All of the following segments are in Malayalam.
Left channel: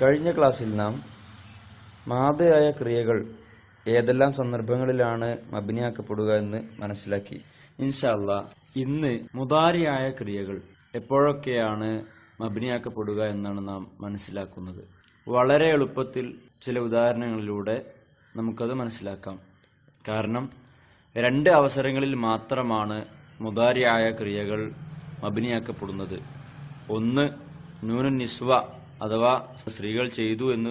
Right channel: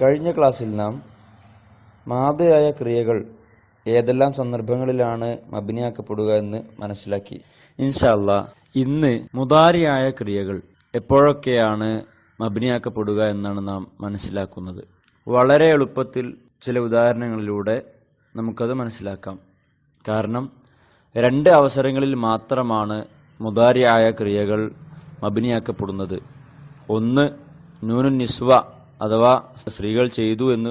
കഴിഞ്ഞ ക്ലാസ്സിൽ നാം മാദിയായ ക്രിയകൾ ഏതെല്ലാം സന്ദർഭങ്ങളിലാണ് മബ്നിയാക്കപ്പെടുക എന്ന് മനസ്സിലാക്കി. ഇൻഷാ അല്ലാഹ് ഇന്ന് മുദാരിയായ ക്രിയകൾ എപ്പോഴൊക്കെയാണ് മബ്നിയാക്കപ്പെടുക എന്നാണ് നാം മനസ്സിലാക്കുന്നത്. വളരെ എളുപ്പത്തിൽ ചില ഉദാഹരണങ്ങളിലൂടെ നമുക്കത് മനസ്സിലാക്കാം. കാരണം രണ്ട് അവസരങ്ങളിൽ മാത്രമാണ് മുദാരിയായ ക്രിയകൾ മബ്നിയാക്കപ്പെടുന്നത്. ഒന്ന് നൂനുൻ നിസ്വ അഥവാ സ്ത്രീകൾ ചെയ്തു എന്ന്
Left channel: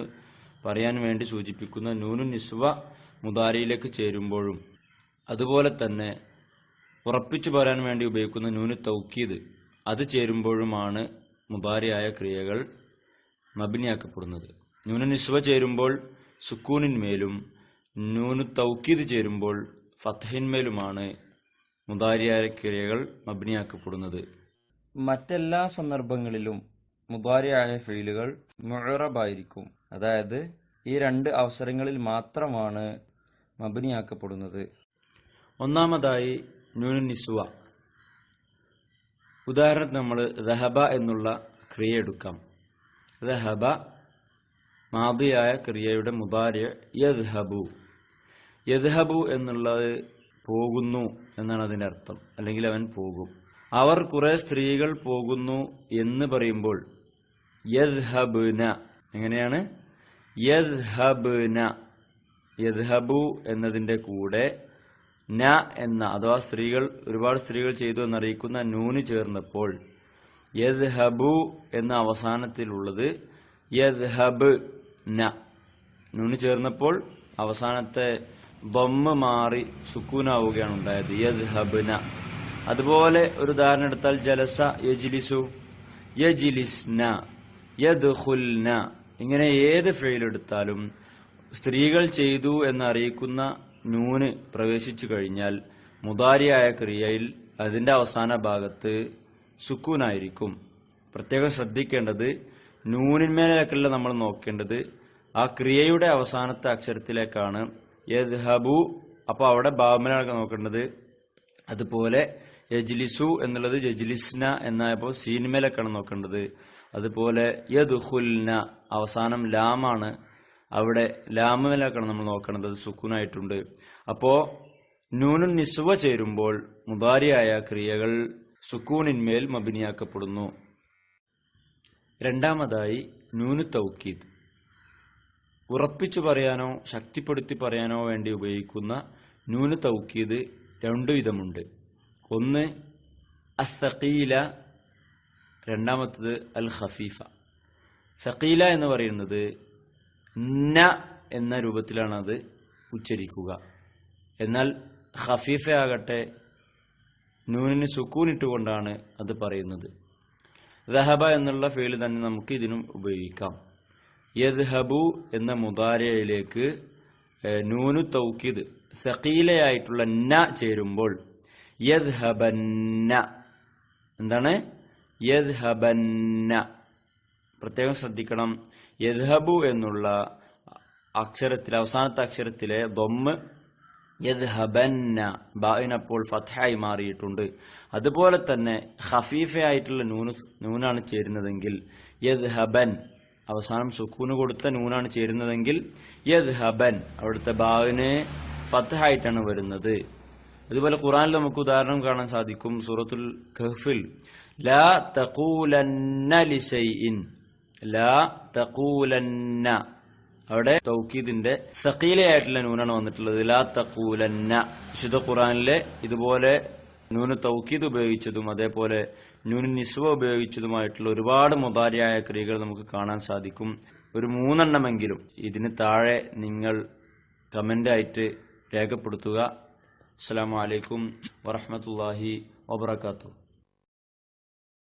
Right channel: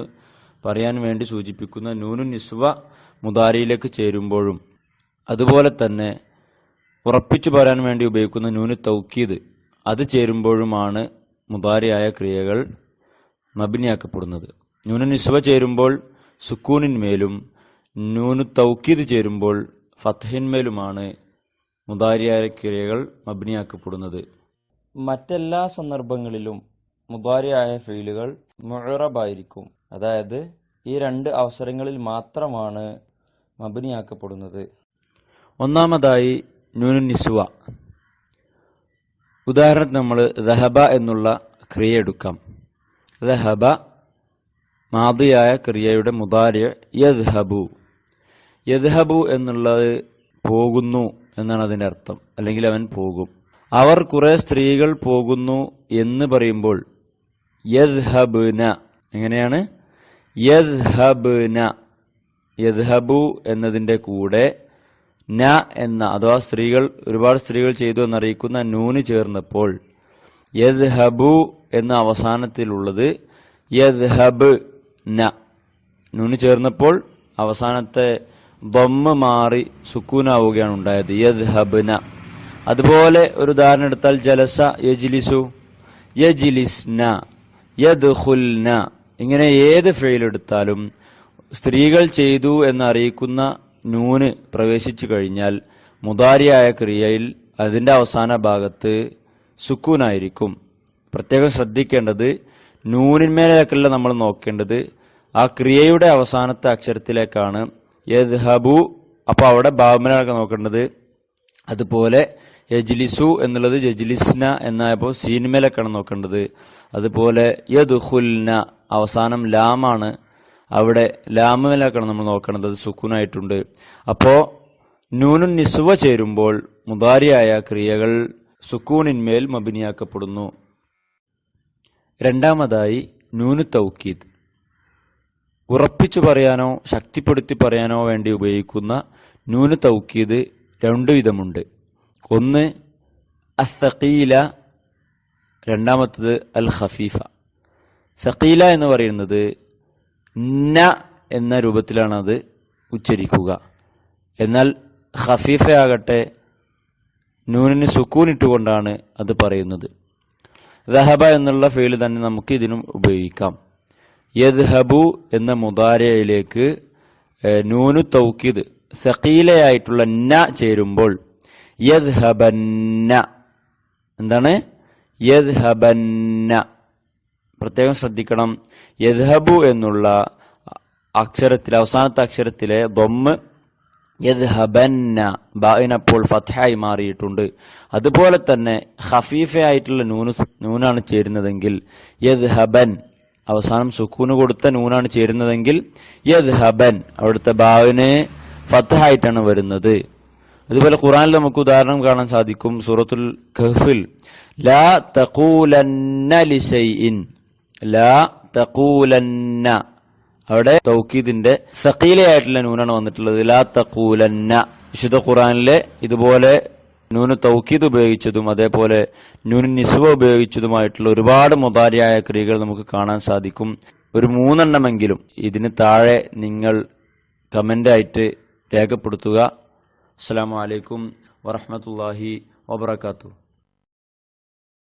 പറയാൻ വേണ്ടി സൂചിപ്പിക്കുന്ന നൂനുൻ നിസ്വ മുദാരിയിലേക്ക് ചേരുമ്പോഴും, അതുപോലെ തന്നെ ഉറപ്പിച്ചു പറയാൻ വേണ്ടി ഉപയോഗിക്കുന്ന നൂനു തൗക്കീദ് അത് ചേരുമ്പോഴുമാണ് മുദാരിയായ ക്രിയകൾ മബ്നിയാക്കപ്പെടുന്നത്. നൂനു നിസ്വ ചേരുമ്പോൾ സുക്കൂനിന്മേലും നൂനു തൗക്കീദ് ചേരുമ്പോൾ ഫത്ഹിന്മേലുമാണ് മുദാരിയായ ക്രിയകൾ മബ്നിയാക്കപ്പെടുന്നത്. മറ്റെല്ലാ സന്ദർഭങ്ങളിലും മുദാരിയായ ഫീലുകൾ മുഅറബായിരിക്കും. അതായത് ഈ രണ്ട് അവസരങ്ങളിൽ മാത്രമാണ് മബ്നിയാക്കപ്പെടുന്നത്. ഒന്നാമതായി നൂനു നിസ്വ. ഉദാഹരണത്തിന് നമ്മൾ ദഹബ എന്നുള്ള ക്രിയ എടുക്കാം. ദഹബ മാദിയായ ക്രിയയുടെ മുദാരി യദ്ഹബു. യദ്ഹബു എന്നുള്ളത് പോകുന്നു എന്നാണ് അതിൻ്റെ അർത്ഥം, അല്ലെങ്കിൽ അവൻ പോകും. അവർ കുറെ സ്ത്രീകൾ പോകുന്നു എന്ന് പറയുമ്പോൾ യദ്ഹബ്ന എങ്ങനെയാണ്? യദ്ഹബ്ന. യദ്ഹബു എന്നതിൻ്റെ കൂടെ ന എന്ന അഥവാ സ്ത്രീകൾ ഒരുപാട് സ്ത്രീകൾ ചെയ്തു എന്നറിയിക്കുന്ന നൂന് ചേർന്നപ്പോൾ യദ്ഹബു എന്ന അവസാനത്തിലുള്ളത് യദ്ഹബ് ന. നൂന് ചേർന്നപ്പോൾ അവസാനത്തെ ദമ്മ് മാറി സുക്കൂനാവുകയാണ് ഉണ്ടായത്, യദ്ഹബ്ന. അതുപോലെ ഒരു ഉദാഹരണം എടുത്താൽ ജലസ യജ്ലിസു, യജ്ലിസ്ന, യദ്ഖുൽന. ഇങ്ങനെ ഏത് ഫെയിൽ എടുത്താലും സ്ത്രീകൾ ചെയ്തു എന്നറിയിക്കുന്ന നൂന് പ്രവേശിച്ചു കഴിഞ്ഞാൽ മുദാരിയായ ക്രിയയിൽ അതിൻ്റെ അവസാന ഭാഗത്ത് സുക്കൂനായിരിക്കും. പ്രത്യേകം ശ്രദ്ധിക്കേണ്ടത് നൂനിന്മേലേക്കല്ല നമ്മൾ നോക്കേണ്ടത്, ആ ക്രിയയുടെ അവസാനത്തെ അക്ഷരത്തിലേക്കാണ്. യദ്ഹബു, അപ്പോൾ അവിടെ ബാബുമേലൊക്കെ നോക്കേണ്ടത്. അതുപോലെ യജ്ലിസു എന്നുള്ളത് യജ്ലിസ്ന എന്നായപ്പോൾ സീൻമേലൊക്കെയാണ് നോക്കേണ്ടത്. അതുപോലെ യദ്ഖുൽന അവസാനം ലാമാണ്, അവിടെ ലാമേലൊക്കെയാണ് നമ്മൾ നോക്കേണ്ടത്, അത് സുക്കൂനായിട്ടുണ്ട്. അപ്പോൾ നൂനുൻ നിസ്വ ചേരുമ്പോൾ മുദാരിയായ ക്രിയകൾ സുക്കൂനിന്മേൽ മബ്നിയാക്കപ്പെടുന്നു. രണ്ടാമതായി നൂനു തൗക്കീദ്. ഉറപ്പിച്ചു പറയാനോ ശക്തിപ്പെടുത്തി പറയാനോ വേണ്ടി ഉപയോഗിക്കുന്ന നൂനു തൗക്കീദ് രണ്ടു വിധമുണ്ട്. ഒന്ന് അസ്സഖീല, രണ്ടാമത്തത് അൽ ഖഫീഫ. സഖീല എന്ന് പറയുന്നത് ന എന്ന രൂപത്തിലാണ് അത് ഉച്ചരിക്കുക. എന്നാൽ ഖഫീഫയാകട്ടെ നൂനിന് സുക്കൂനിട്ടുകൊണ്ടാണ് അത് പറയുന്നത്. ദഹബ എന്നുള്ള ഫീല് തന്നെ നമുക്ക് ഇതിനും ഉപയോഗിക്കാം. യദ്ഹബു എന്ന മുദാരിയിലേക്ക് നൂനു തൗക്കീദ് സഖീലയായിട്ടുള്ള ന ചേരുമ്പോൾ യദ്ഹബന്ന. എന്താണ്? യദ്ഹബന്ന. പ്രത്യേകം ശ്രദ്ധിക്കണം, യദ്ഹബു എന്നുള്ള അക്ഷരത്തിൽ അവസാനത്തെ അക്ഷരത്തിലെ ദമ്മ് യദ്ഹബന്ന ബാഇനപ്പോൾ ഫത്ഹായി മാറിയിട്ടുണ്ട്. അതുപോലെ തന്നെ ഖഫീഫയായിട്ടുള്ള നൂനാണ് ചേരുന്നതെങ്കിൽ യദ്ഹബൻ, അവസാനം സുക്കൂന് കൊടുത്ത നൂനാണ് ചേരുന്നതെങ്കിൽ യദ്ഹബൻ, അവിടുത്തെ ബാവിന് ഫത്ഹായിട്ടാണ് വരുന്നത്. അതുപോലെ ഖുർആനിൽ നമുക്ക് ഉദാഹരണം കാണാൻ സാധിക്കും. സൂറത്തുൽ കഹ്ഫിൽ ലാ തഖൂലന്ന ലിശൈഇൻ, ലാ തഖൂലന്ന, അവിടെ തൗക്കീദിന്റെ സഖീലയായിട്ടുള്ള നൂനാണ് വന്നിട്ടുള്ളത്. ലാ തഖൂലന്ന. വിശുദ്ധ ഖുർആനിലെ ഇതുപോലെ നൂന് തൗക്കീദ് ഉപയോഗിച്ചതും അതേപോലെ നൂന് നിസ്വ ഉപയോഗിച്ചതുമായിട്ടുള്ള ഒരുപാട് മുദാരിയായ ക്രിയകൾ നമുക്ക് കാണാൻ സാധിക്കും. ഒരു 3 ഇതിന് താഴെ നിങ്ങൾ കമൻ്റായിട്ട് രേഖപ്പെടുത്തുക. അസ്സലാമു അലൈക്കും വറഹ്മത്തുള്ളാഹി വബറകാതുഹു.